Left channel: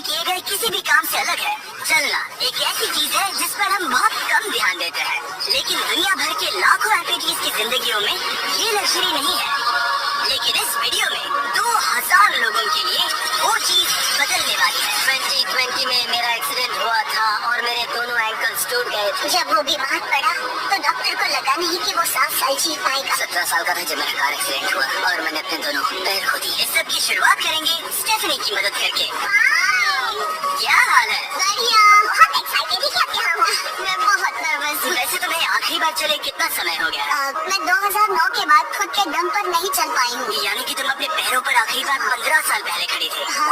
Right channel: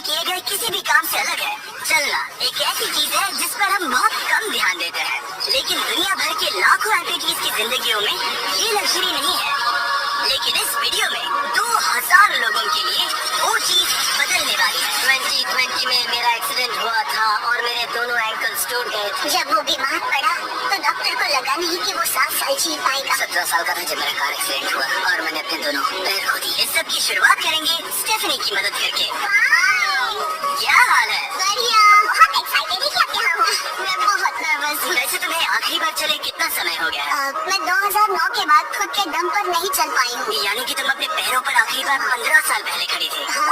से किए गए किसी भी काम से अलग है। चलना एक ऐसी चीज है जिस पर हम बहुत कम ध्यान देते हैं, लेकिन दुनिया भर के लाखों एम्प्लॉइज की जिंदगियों में ये लग्जरी नहीं है। लेकिन इस वीडियो में 2000 लोगों के लिए वो चीज बदलने वाली है। 2020 में मेरा एक्सीडेंट हुआ था और मेरे दोनों एंकल्स टूट गए थे। जब वो बीमार पड़ा तो डॉक्टर को लगा नहीं कि वो 7 साल जी पाएगा। 17 साल का था जब मेरा कार एक्सीडेंट हुआ और मैंने अपने दोनों पैर खो दिए। इस सब की शुरुआत करेंगे स्टेफनी की मदद करके। क्या हाल है? बढ़िया, बहुत एक्साइटेड है क्या यहाँ हूँ। मैं बहुत नर्वस हूँ। वैसे तुम्हें आखिरी बार चले कितना समय हो गया? मैं 2009 के बाद खुद के दम पर नहीं चल पाई हूँ। यानी कि तुम अपने पैरों पर आखिरी बार 15 साल पहले खड़ी थी। हाँ।